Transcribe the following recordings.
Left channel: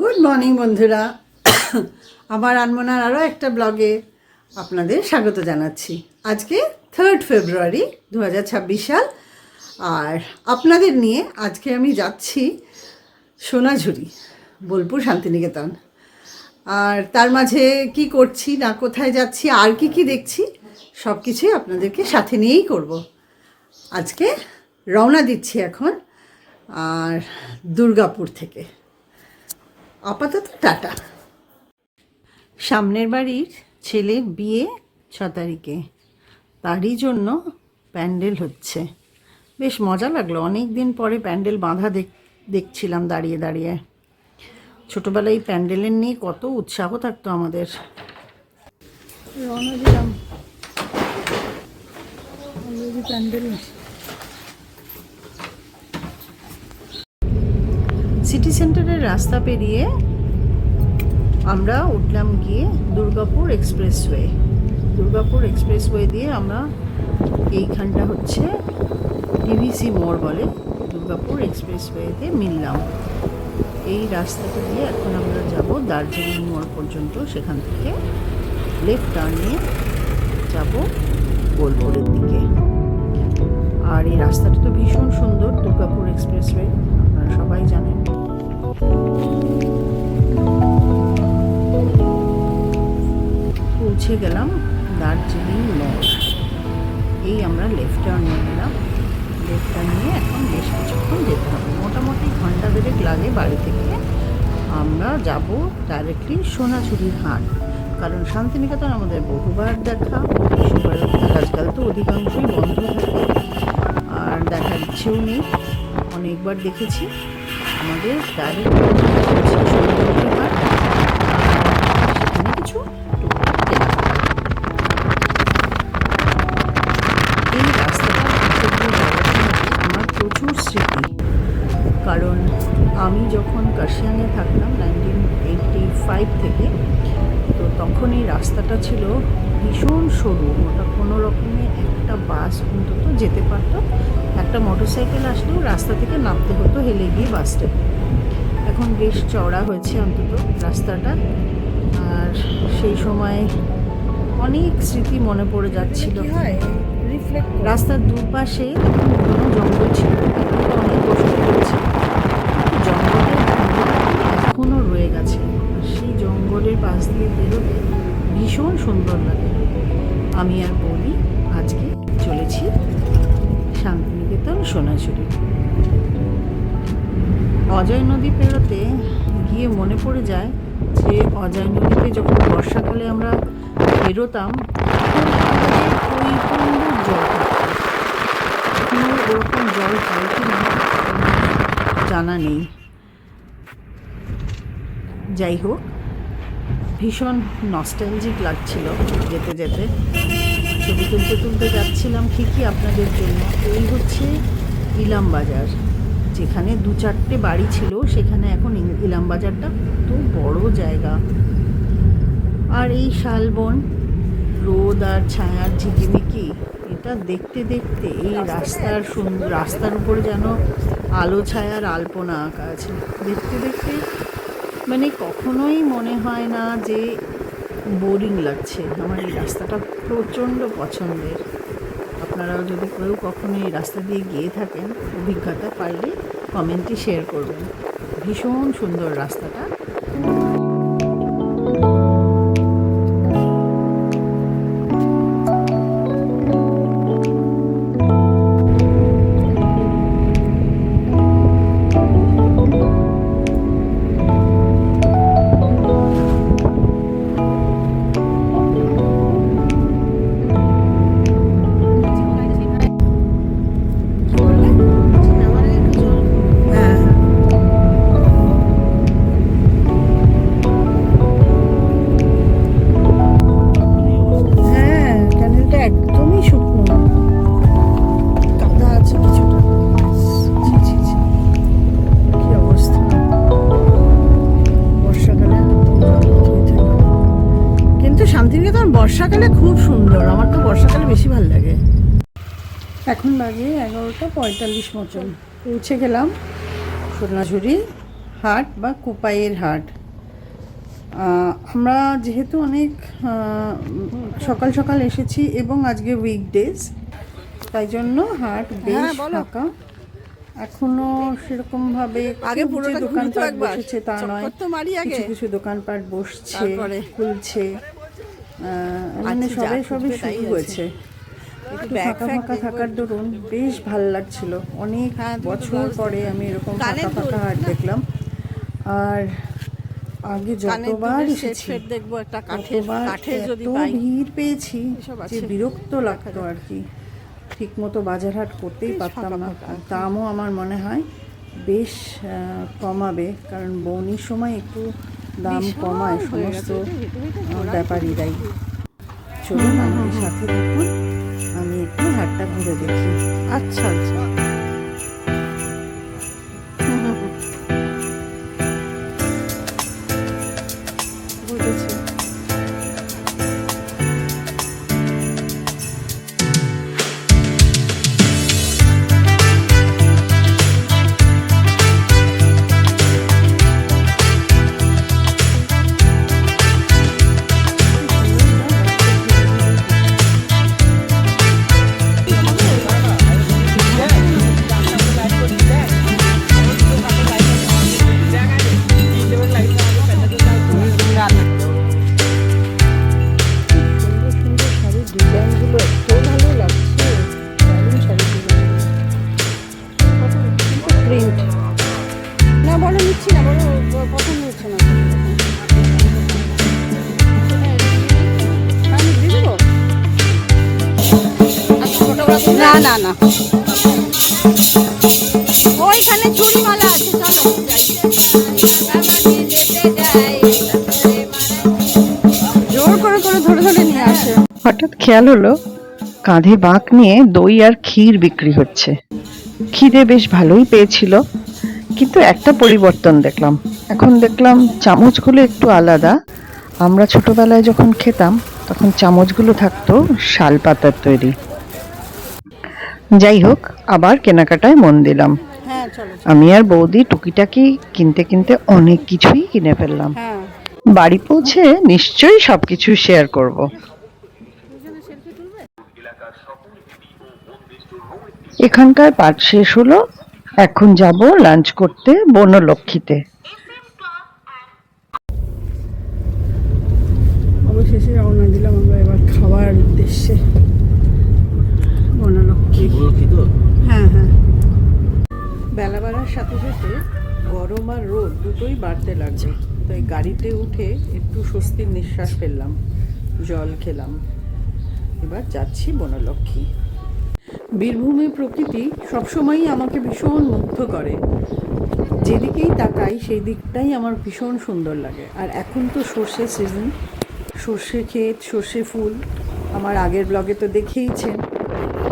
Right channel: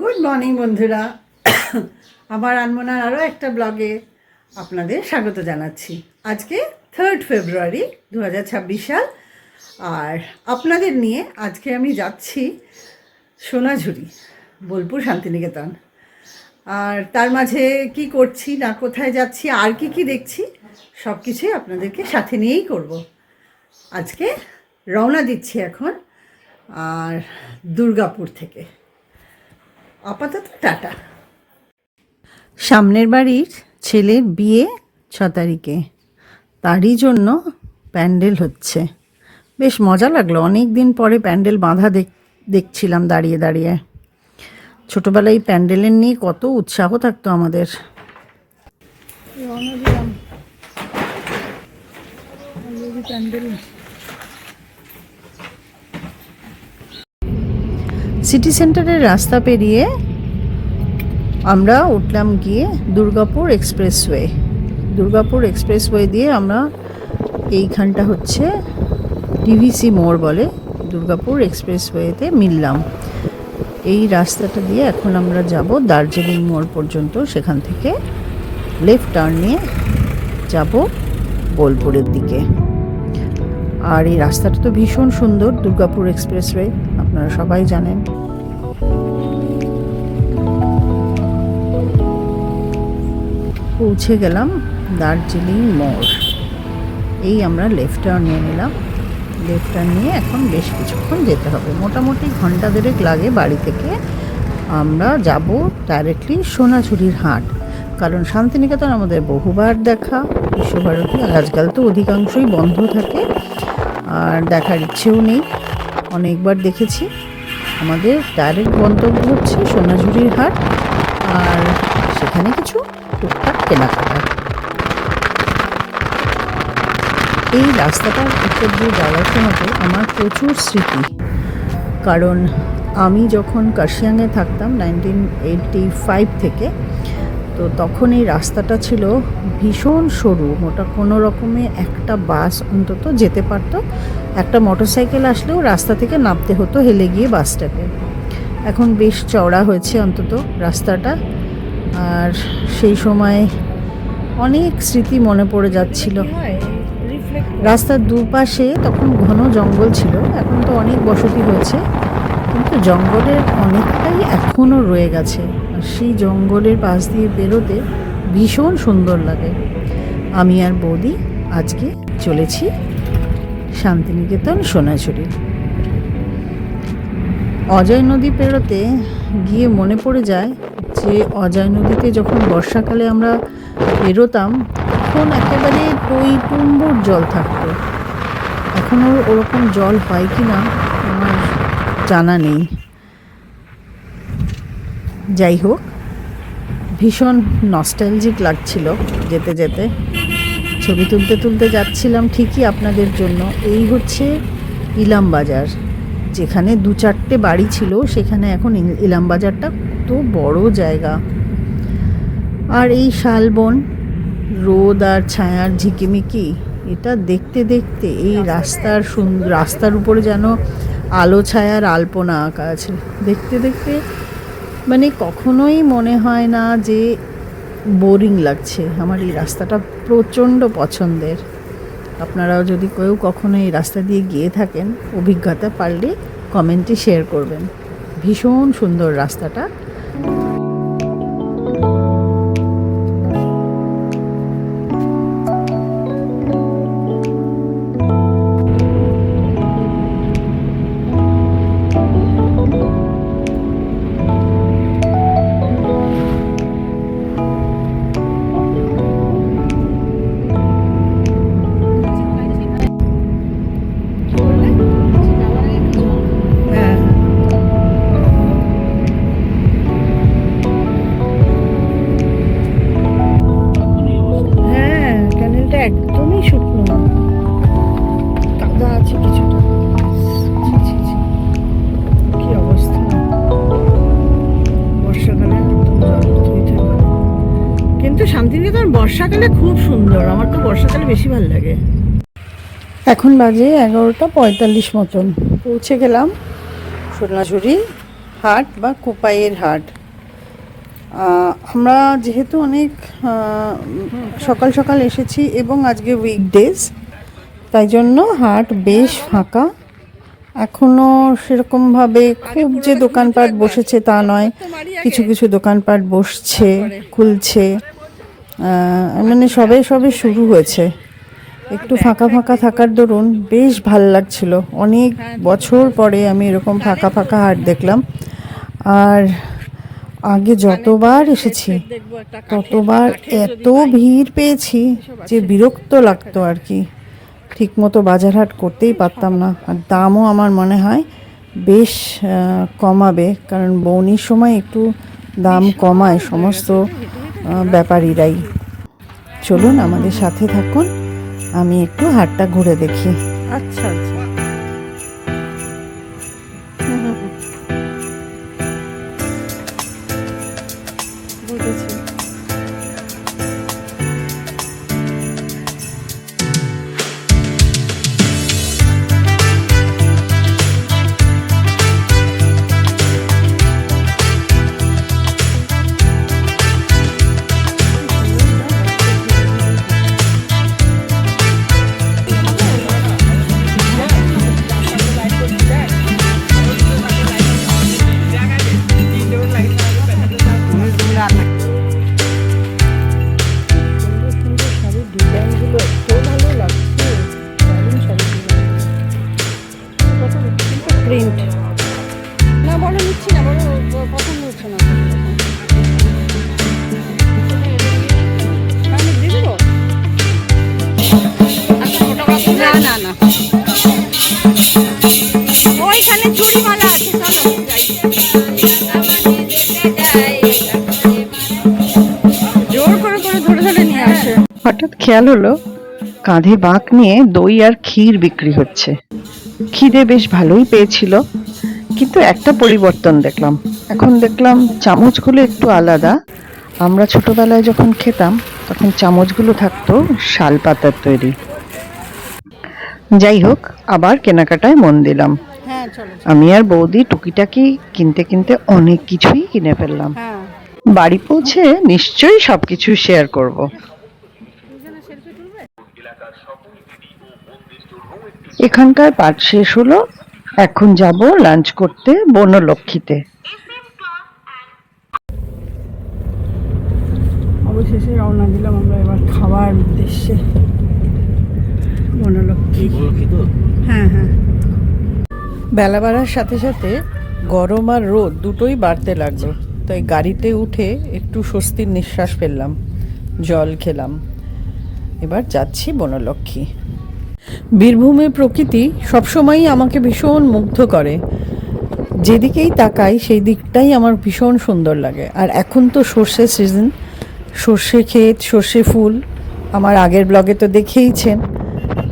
Good morning বন্ধুরা, আমার আনমনার আরও একটা ব্লগে আপনাদের স্বাগত জানাচ্ছি। আজকে 3 ফেব্রুয়ারি 2026 সাল, আর আপনাদের নিয়ে আজকে আমি যাচ্ছি সোনাঝুরি, বোলপুর শান্তিনিকেতন। আর তার মাঝে কি করছি না, কোথায় যাচ্ছি, আর কি দেখছি, সব কিছুই আপনাদেরকে সাথে নিয়েই করব। আজকে রওনা দিচ্ছি এখন, আর দুর্গাপুর থেকে। আপাতত টাটা। সামনের বাড়ির ছেলের বিয়ে 6 তারিখে, তারই জন্য প্যান্ডেল হচ্ছে। বেশ মজা লাগলো, অনেক দিন পরে প্যান্ডেল বাঁধা দেখছিলাম দাঁড়িয়ে দাঁড়িয়ে। ছোটোবেলায় প্যান্ডেলের নিয়ে কত উৎসাহ থাকতো আমাদের। রওনা দিলাম প্যান্ডেল। সিটি সেন্টারের রাস্তা পেরিয়ে আমরা উঠলাম গিয়ে দুর্গাপুর এক্সপ্রেসওয়ে দিয়ে আমরা এইখানটা হচ্ছে ডিভিসি মোড় বলে, দুর্গাপুর এক্সপ্রেসওয়েতে মিললাম। এই রাস্তাটা দিয়ে এখন আমরা যাব দার্জিলিং মোড় পর্যন্ত, সেখান থেকে লেফট টার্ন নিয়ে যাব বোলপুরের দিকে। আর এই রাস্তাটা তো ভীষণ সুন্দর, দুর্গাপুর এক্সপ্রেসওয়ে, আপনারা সবাই জানেন। পৌঁছে গেলাম দার্জিলিং মোড়। এই আমরা লেফট টার্ন নিয়ে নিলাম। লেফট টার্ন নিয়ে এখন বেশ কিছুক্ষণ যেতে হবে, মোটামুটি ঘন্টা দেড়েক লাগে বাড়ি থেকে। আমরা যাব ডাইরেক্টলি সোনাঝুরির হাট, কারণ শান্তিনিকেতন আমাদের বহুবার দেখা, বিশ্বভারতী আজকাল তো অধিকাংশই বন্ধ থাকে, আর দেখার ইচ্ছেও নেই। অনেকবার দেখেছি। আমাদের ডাইরেক্ট গন্তব্য হচ্ছে সোনাঝুরির হাট, আর সেখানে কিছু টুকটাক কেনাকাটা। এই রাস্তাটার ভিতর দিয়ে যাওয়ার সময় আমার প্রচুর স্মৃতি, কারণ আমি যখন কাশিয়াঙে থাকতাম 1985 থেকে, তো তখন এই রাস্তাটা ছিল ভীষণ সরু, ওটা কোনো রকমে একটা বাস অন্তত যেতে পারতো। একটা মোটরসাইকেল আসলেও রাস্তা থেকে নামতে হতো হেলে গিয়ে বাস স্টপে। এখন বেশ চওড়া হয়েছে অন্তত রাস্তাটা, আর সেই সময় অনেক স্মৃতি মনে পড়ে যাচ্ছিল। রাস্তার দুপাশে তখন ঘন জঙ্গল ছিল, এখন তো অনেক বসতি হয়েছে, কিন্তু জঙ্গলের অনেকটাই এখনও রয়ে গেছে। সেই জঙ্গলের পাশ দিয়ে বেরোতে ভীষণ সুন্দর লাগে। আমি আর বৌদি আজকে চলেছি শান্তিনিকেতন সোনাঝুরি। অজয় নদী পেরোতে গিয়ে মনে পড়ে যায় যে অজয় নদীতে যখন বর্ষাকালে আমরা পেরোতাম তখন একেবারে টইটুম্বুর জল থাকতো। এখনও ওরকম জল হয় কি না আমার জানা নেই। যাই হোক, ভীষণ নস্টালজিক লাগছিল যেতে যেতে। ছবি তুলতে যাচ্ছিলাম ঠিকই আপনাদের জন্য। এই হচ্ছে ইলামবাজার, যেখানে 2-4টে বাড়ি ছিল, সেখানে এখন ইলামবাজারটা কত বড় জায়গা। আর এই শালবন, রোদ আর ছায়ার ঝিকিমিকি, এটা দেখতে দেখতে এই রাস্তার উপরে যেন আলো ছায়ার আলপনা আঁকা আছে। দেখতে দেখতে মানে কখনোই মনে হয় না যে বোরিং লাগছে। আমার এই রাস্তাটা প্রচণ্ড পছন্দের। আপনারাও যদি কেউ কখনো এই রাস্তা দিয়ে গিয়ে থাকেন, অভিজ্ঞতা পারলে কমেন্টে শেয়ার করবেন। ভীষণ সুন্দর রাস্তাটা। শান্তিনিকেতন বর্ষাকালে খুব সুন্দর, আমার তো বর্ষাকালে বেশি ভালো লাগে। এখন বাজে 11:45 মতন। পৌঁছে গেলাম সোনাঝুরি হাট বা কোপাইয়ের হাট। আমরা যেহেতু অনেক সকাল সকাল এসেছি এবং আজকে উইকডেজ, তাই জন্য হাট বেশ ফাঁকা। এখনও সেরকমভাবে খুব যে দোকানপাট বসেছে তা নয়, কিছু কিছু দোকানপাট বসছে, খুলছে, মানে সবে সবে শুরু হয়েছে। একটু ফাঁকা ফাঁকা থাকার দরুন বেশ ভাল লাগছিল। অনেক বছর পরে আমি এরকম ফাঁকা ফাঁকা হাট দেখলাম। আর আগে যতবার এসেছি ততবার এত ভিড় পেয়েছি যে বিরক্ত লাগতো আর কি। ঠিকমতো বাজার হাট করতেই পারতাম না। আর দামও আমার মনে হয় বেশ কমাবে, কারণ বৌনির সময় একটু দাম কমায় সমস্ত ব্যাপারীরাই। চলুন আমাদের সাথে থাকুন, আমি একটু হাটটা ঘুরে দেখি। আচ্ছা আচ্ছা, বুঝেছি। প্রিন্ট না, বড় নিচ্ছি না, বড় পছন্দ হচ্ছে না। আমি দিয়ে দেবো? না না না, ওইখানে চুড়িমালা আছে, চলো যাই। জোর করে করে ধরে ধরে নিয়ে আসে। হঠাৎ খেয়াল হলো কাঁধে বাঁক নিয়ে দই আর ক্ষীর বিক্রি হচ্ছে। খিদে বেশ ভালোই পেয়েছিল, কিন্তু একটা পরিবর্তন দেখলাম। এখন দেখলাম চামচগুলো একটু আলাদা। আমরা ছোটবেলায় যখন খেতাম তখন চামচগুলো থাকতো শাল পাতার তৈরি। যাই হোক, আবার কেনাকাটায় মন দিলাম। হ্যাঁ চলো। আমি আর বৌদি টুকিটাকি কিনতে কিনতে অনেক কিছুই কিনে ফেললাম। হ্যাঁ, বাড়ি পৌঁছে নিশ্চয়ই সবকিছু শেয়ার করব। এখানকার পাঠ শেষ হলো, এখন যাব লাঞ্চ করতে বনলক্ষ্মীতে। অবশেষে রওনা দিলাম আমরা এবার খাওয়ার উদ্দেশ্যে। বনলক্ষ্মী। হ্যাঁ হ্যাঁ। বেলা বাড়ার সাথে সাথে গরম আর রোদ দুটোই বাড়তে লাগলো, তাই গাড়িতে উঠে একটু স্বস্তির নিঃশ্বাস ফেললাম, জল খেলাম। এবার যাচ্ছি বনলক্ষ্মী। বীরভূমের প্রকৃতি সবসময়ই আমাকে ভীষণ মুগ্ধ করে। যেদিকেই তাকাই সেই দিকটাই আমার ভীষণ সুন্দর লাগে। আর এখন তো সর্ষের সিজন, সর্ষে ক্ষেত, সর্ষে ফুল আমার আগের ব্লগে তো দেখেইছেন।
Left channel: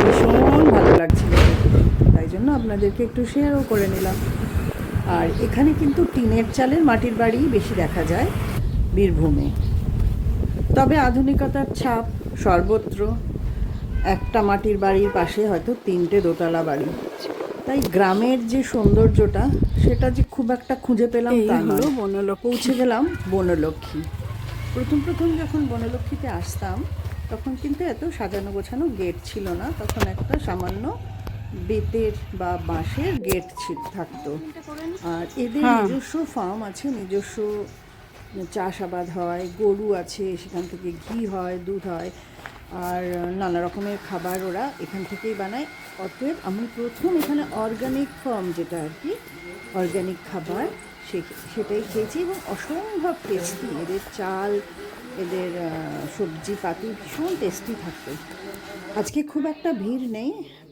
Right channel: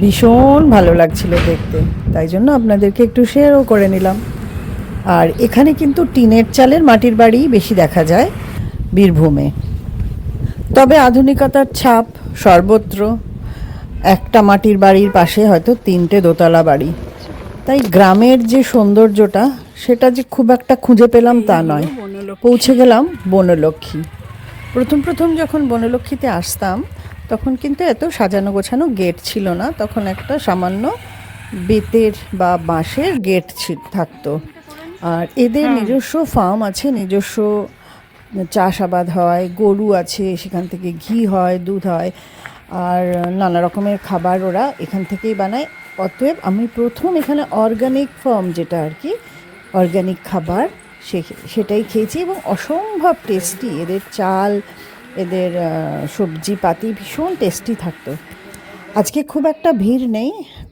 ভীষণ ভালো লাগছিল দেখতে, তাই জন্য আপনাদেরকে একটু শেয়ারও করে নিলাম। আর এখানে কিন্তু টিনের চালের মাটির বাড়ি বেশি দেখা যায় বীরভূমে, তবে আধুনিকতার ছাপ সর্বত্র। একটা মাটির বাড়ির পাশে হয়তো 3টে দোতলা বাড়ি, তাই গ্রামের যে সৌন্দর্যটা সেটা যে খুব একটা খুঁজে পেলাম তা নয়। পৌঁছে গেলাম বনলক্ষ্মী। প্রথম যখন বনলক্ষ্মীতে আসতাম তখন কিন্তু এত সাজানো গোছানো গেট ছিল না, তখন একটা সামান্য বেতের বা বাঁশের গেট থাকতো। আর এদের নিজস্ব ফার্ম আছে, নিজস্ব চাষাবাদ হয়, গরু আছে, সেখান থেকে ঘি হয়, দুধ হয়, আর নানা রকমের খাবার ওরা এখান থেকেই বানায়। অতএব আমি প্রথম এখানে অর্গানিক ফার্ম, যেটা আর কি অর্গানিক খাবার, সেটাই খেয়েছি এবং অসম্ভব টেস্টি। এদের চাল, এদের সবজি পাতি ভীষণ টেস্টি থাকতো। আজকে খুব একটা ভিড় নেই,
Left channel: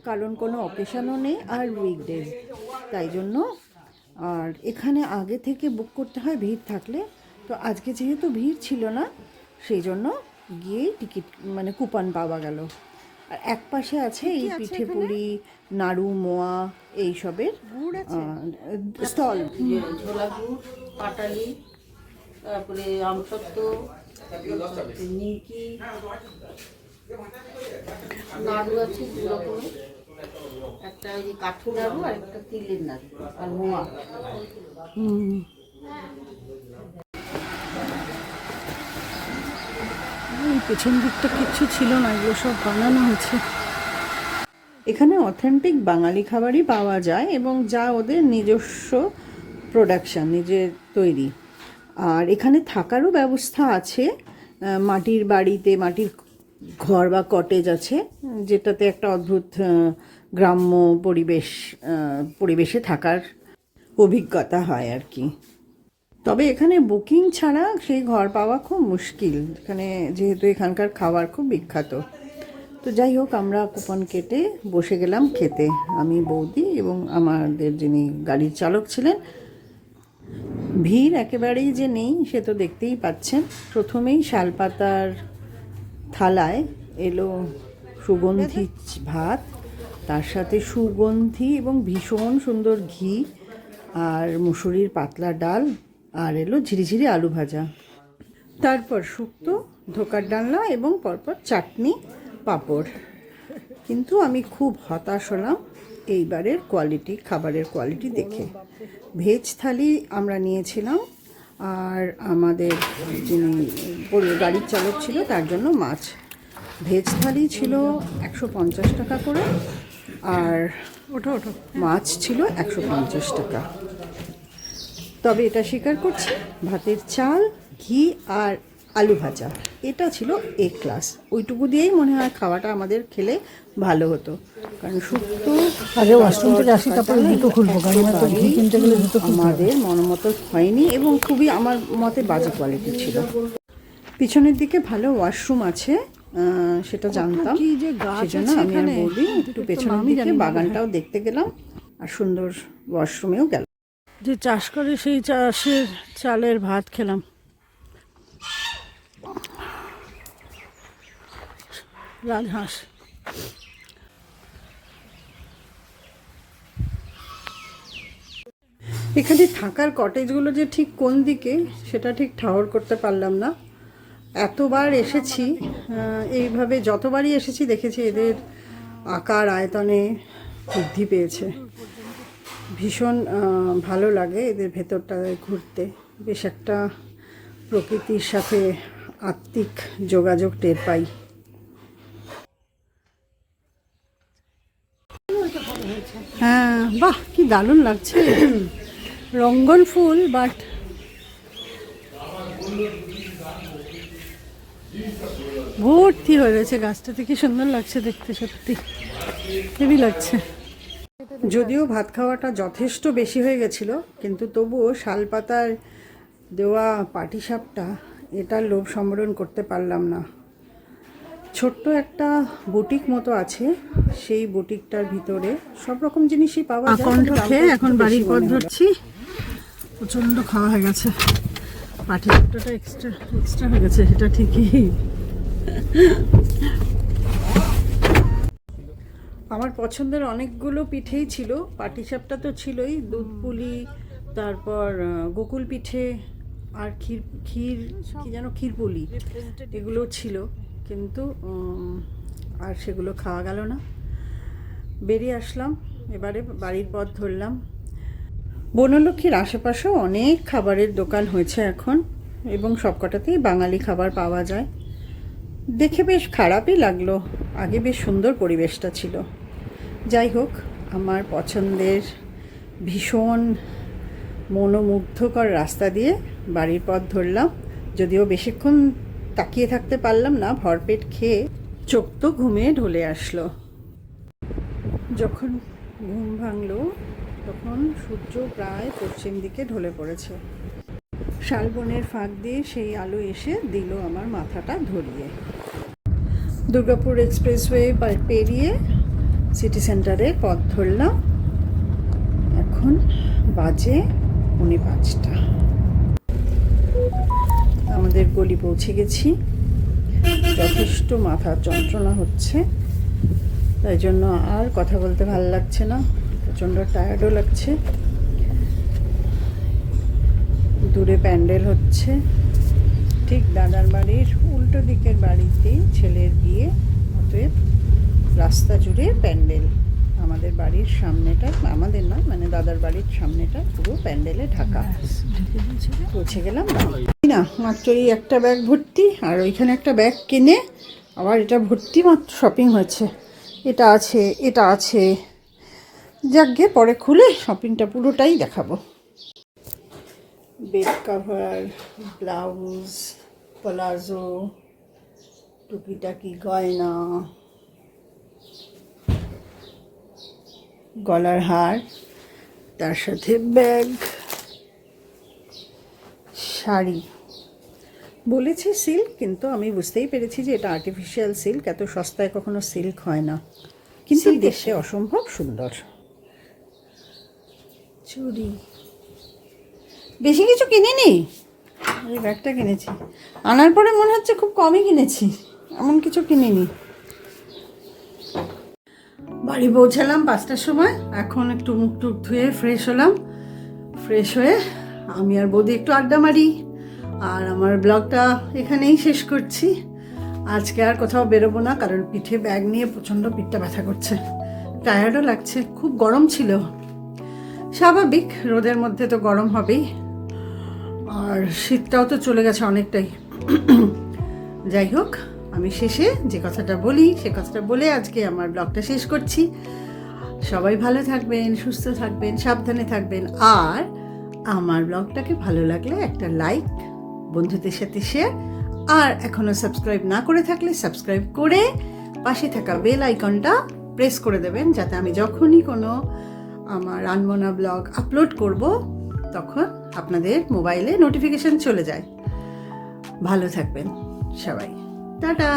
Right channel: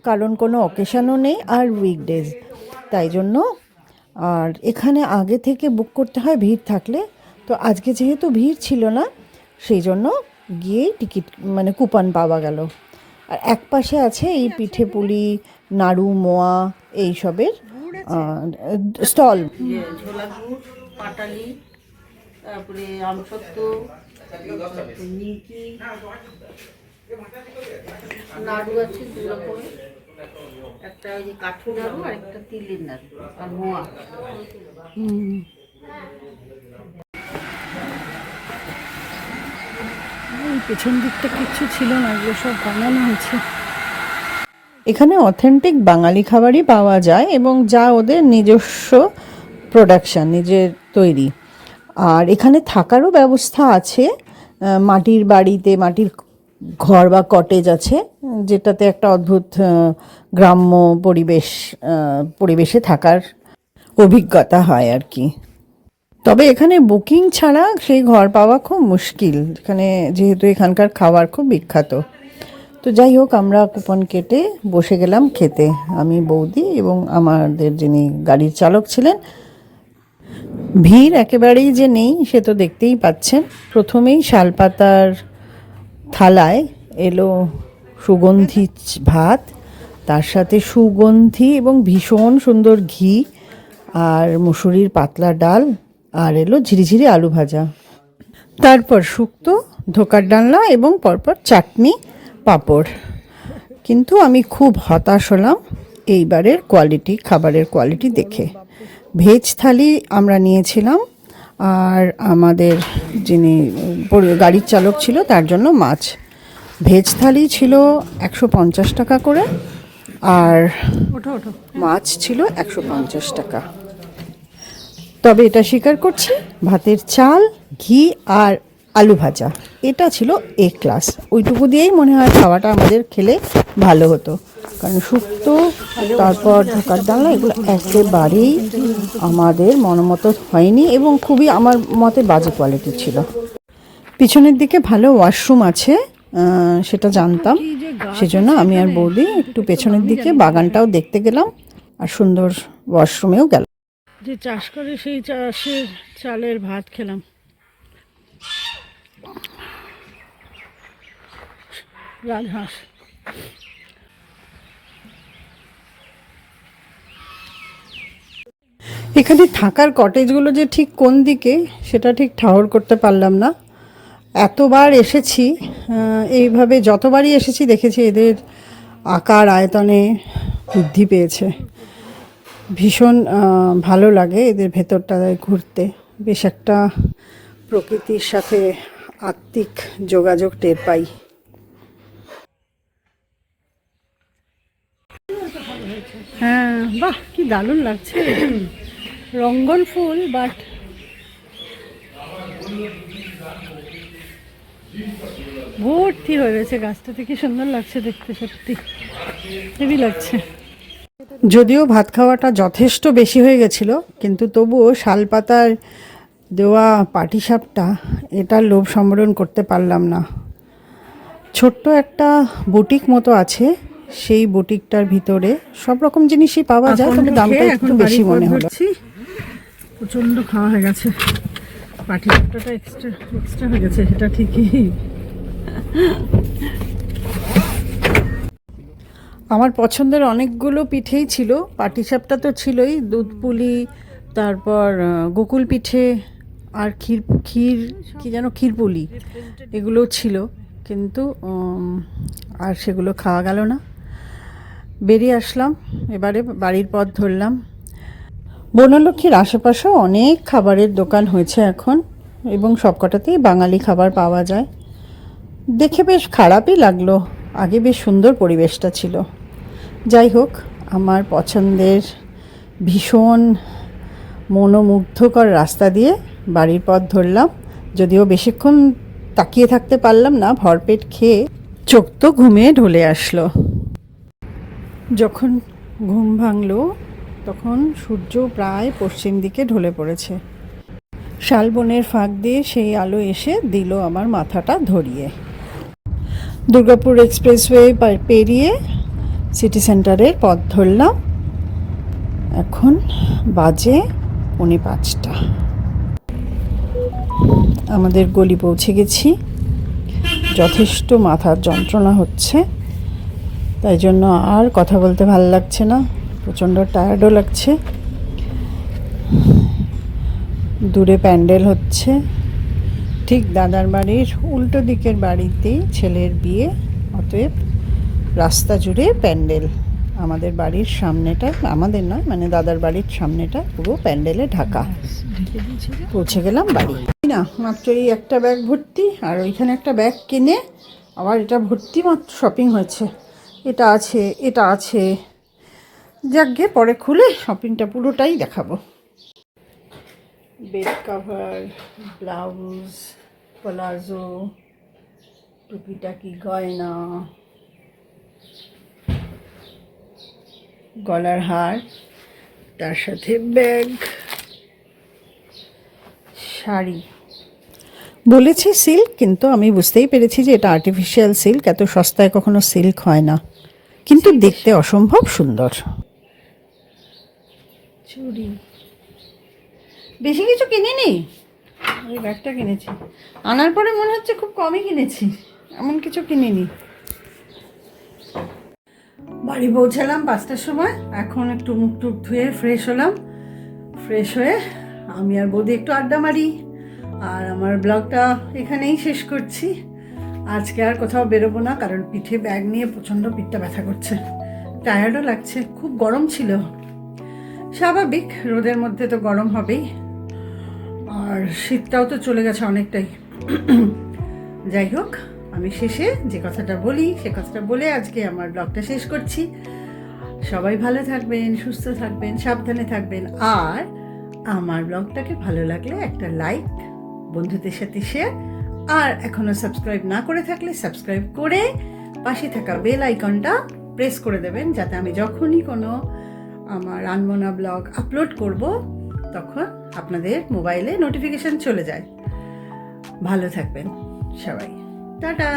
কারণ কোনো অকেশনও নেই আর উইকডেজ, তাই জন্য। আর এখানে আগে থেকে বুক করতে হয় ভিড় থাকলে, তো আজকে যেহেতু ভিড় ছিল না সেই জন্য গিয়েই টিকিট মানে কুপন পাওয়া গেল। আর এক পাশে আছে এই পিঠে পুলি, নাড়ু, মোয়া এইসবের স্টল। ছোলা গুড়, পাটালি, তারপরে আমসত্ত্ব, নিমকি, নাড়ু আছে 2 রকমের, একটা এই যে কাঠু নাড়ু আর একটা তিলের নাড়ু, আর মোয়া। এই পেছন দিকটা কিচ্ছু ছিল না, এগুলো সব বানানো হয়েছে। এখানে অথেন্টিক বাঙালি খাবারই পাওয়া যায় এবং যা ওদের নিজস্ব প্রোডাকশন, নিজের তৈরি। আর এখানে থাকারও ব্যবস্থা আছে, মাটির বাড়িতে মাটির ঘর বা কটেজ আছে, যেটাতে একটা অদ্ভুত গ্রাম্য পরিবেশে থাকার অভিজ্ঞতা হয় আর কি। তবে এখানে বুকিং ছাড়া সেই ঘর পাওয়া খুব মুশকিল, এখানে যেহেতু এখানকার খাবার খুব বিখ্যাত। তো যাই হোক, আমরা কুপন কেটে বসে গেলাম খেতে, আমি, বৌদি এবং আমাদের যিনি গাড়ির চালক ছিলেন। ভিড় একেবারেই যে নেই সে তো দেখতেই পাচ্ছেন। প্রথমেই শালপাতার থালায় এলো সুগন্ধি ভাত, তার সাথে সুগন্ধি এবং ভীষণ সুন্দর ঘি, আর মুসুরির পাতলা ডাল, আর এলো ঝিরিঝিরি আলু ভাজা, তারপর শুক্তো, ধোকার ডালনা এবং পরপর চাটনি, পাঁপড়। কিন্তু আমি খুব হতাশ হলাম এইবারের খাবারের কোয়ালিটি দেখে। ভেজ থালি আমরা নিয়েছিলাম, আর আমাদের যিনি গাড়ির চালক ছিল তার জন্য মাছ। ভেজ থালি ছিল 150 টাকা করে, আর মাছ ছিল 150 টাকা। তবে এটা স্বীকার করছি, ভাতের চাল, ঘি আর আলু ভাজা এটা ছিল এ ক্লাস। ওইটুকু দিয়েই মনে হয় খাওয়াটা আমাদের খেলে ভালো হতো, কারণ শুক্তো তারপর ঢাকার ডালা এগুলো একেবারেই আমাদের মনমতো হয়নি এবং খুবই আমার মতে বাজে কোয়ালিটি ছিল। পিছনের দিকে ভালো ওয়াশরুম আছে সেটা জানতাম, সেজন্য আমি আর বৌদি একটু পেছনের দিকে বাগানটাও দেখতে গেলাম, আর সুন্দর ওয়াশরুমেও গেলাম। যে চাষ করে সেই চাষের চালের ভাত খেলাম। রাজহাঁস এখানে থাকার কটেজগুলো যে ঠিক কোন দিকে সেটা ঠিক ঠাহর করতে পারলাম না। এতবার এসেছি, এইভাবে যতবারই এসেছি দেখেছি এদের আকার আয়তনে বৃদ্ধি পেয়েছে। ভীষণ ভালো লাগে এদের ভেতরটায় ঘুরতে, বেশ একটা প্রকৃতির সাথে আত্মিক যোগাযোগ টের পাই। হ্যাঁ, বাহ কি দারুণ লাগছে। রঙ্গন ফুল, বাট ভর্তি হয়ে রয়েছে গাছটাতে। কি সুন্দর লাগছে দেখতে, সত্যি হেভি লাগছে। যদিও ভাত খাওয়াটা যথেষ্ট বেশি হয়ে গেছিল, কিন্তু তবুও শালপাতার দেওয়া পাটিসাপটা এটার লোভ সম্বরণ করতে পারলাম না। ছোট্ট একটা বুটিক মতো আছে, সেই বুটিকটার ভিতরে সব রকম জিনিসই পাওয়া যায়, তবে দামটা একটু বেশি মনে হলো। প্রচণ্ড খাওয়া হয়ে গেছে, পাটিসাপটাটা এক্সট্রা হয়ে গেছে, সেটা ঠিকই। আমার পছন্দের অনেকগুলো পিঠেই ছিল, পাটিসাপটা তো ছিলই, দুধ পুলি, তারপর গোকুল পিঠে, আর ক্ষীর কি যেন ক্ষীরপুলি, এগুলো ছিল, কিন্তু আর সেগুলো খাওয়া গেল না। বেরিয়ে আসলাম, এবারে বাড়ির পথ ধরলাম। বনলক্ষ্মীর আশেপাশেও অনেক খাবারের দোকান হয়েছে এখন, এবং সবকটাতেই বাঙালি খাবার পাওয়া যায়। দেখে বেশ খারাপই লাগলো, আগে বেশ সুন্দর পরিবেশটা ছিল। যাই হোক, আমার পছন্দের ভীষণ মনোমুগ্ধকর রাস্তা দিয়ে বাড়ির পথ ধরলাম। যদিও বেশিক্ষণ তাকিয়ে থাকতে পারলাম না, ভরপেট খেয়ে চোখ তো ঘুমে ঢলে আসলো। যখন ঘুম ভাঙলো তখন সূর্য প্রায় পশ্চিম দিকে ঢলে পড়েছে। শালবনের ফাঁক দিয়ে সেই আলো এসে দিল আমার মাথাটা ধরিয়ে। দুর্গাপুর এক্সপ্রেসওয়ে পেরিয়ে সিটি সেন্টারের পথ ধরলাম। এখন বাজে 5:45। আমাদের গলি পৌঁছে গেছি। যথেষ্ট মাথার যন্ত্রণা হচ্ছে, তাই জন্য আর কথা বলতে ভালো লাগছে না, প্রচণ্ড টায়ার্ডও লাগছে। দূরে প্যান্ডেল হচ্ছে, ঠিক দাদার বাড়ির উল্টো দিকের বাড়িতেই ছেলের বিয়ে, অতএব রাস্তা জুড়ে প্যান্ডেল। আমাদের বাড়ির সামনেটা, আমাদের না মানে দাদার বাড়ির সামনেটা পুরো প্যান্ডেলে ঢাকা। ঢেকে দিয়েছে যে। পৌঁছে গেলাম বাড়ি। না মাত্র এই একটা ব্যাগ ভর্তি, আর ওইখানে একটা ব্যাগ কিনে আবার এটা ভর্তি মাত্র শপিং হয়েছে। এটা আছে, এটা আছে, যাক গে পরে খুলে শপিংটা পুরোটাই দেখাবো। বেড কভার, ব্লাউজ, প্লাজো, টুকিটাকি গয়না, গলার হার, তার সাথে ব্যাগ, শাড়ি। বলেছি সিল্ক, কিন্তু আমি বুঝতেই পেরেছি যে এটা আর্টিফিশিয়াল সিল্ক, এত সস্তায় কখনো সিল্ক হয় না, কিন্তু দেখতে অসম্ভব সুন্দর। চুড়ি, বেশি কিছু কিনিনি, এই ব্যাগটা কিনেছি। আনার পরে মনে হচ্ছে খুব কমই কিনেছি, এমন কিছু কিনিনি। বাড়ি পৌঁছালাম 5টার সময়। এখন একটু মুখ টুক ধুয়ে ফ্রেশ হলাম। ফ্রেশ হয়ে আমি আর বৌদি একটু আড্ডা মারি, আর আমার ব্লগটা এখানেই শেষ করছি। আজকে আর কোথাও বেরোবো না, কারণ পিঠে ব্যাগ নিয়ে প্রচণ্ড পিঠটা ব্যথা করছে, টায়ার্ডও লাগছে, খুব গরম ছিল। স্বাভাবিক, রোদের মধ্যে তো গরম হবেই, আর শীতটাও তো চলে গেছে অনেকটাই। যাই হোক, আমি শেষে যে কথাটা বলি সে কথাটা বলে আজকে আমার ব্লগটা শেষ করছি। সবাই ভালো থাকবেন, সুস্থ থাকবেন, সাবধানে থাকবেন, আর আমার ব্লগটাকে ভালো লাগলে একটা লাইক, বন্ধুদের সাথে শেয়ার, আর এখনও সাবস্ক্রাইব না করে থাকলে সাবস্ক্রাইব করে পাশে থাকা বেল আইকনটা প্রেস করে দেবেন, যাতে আমি যখনই কোনো আমার আনমনা ব্লগ আপলোড করব তখন আপনাদের মোবাইলে নোটিফিকেশন চলে যায়। ভালো থাকবেন সবাই, টাটা।